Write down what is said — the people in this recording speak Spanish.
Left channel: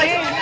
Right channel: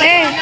Eh.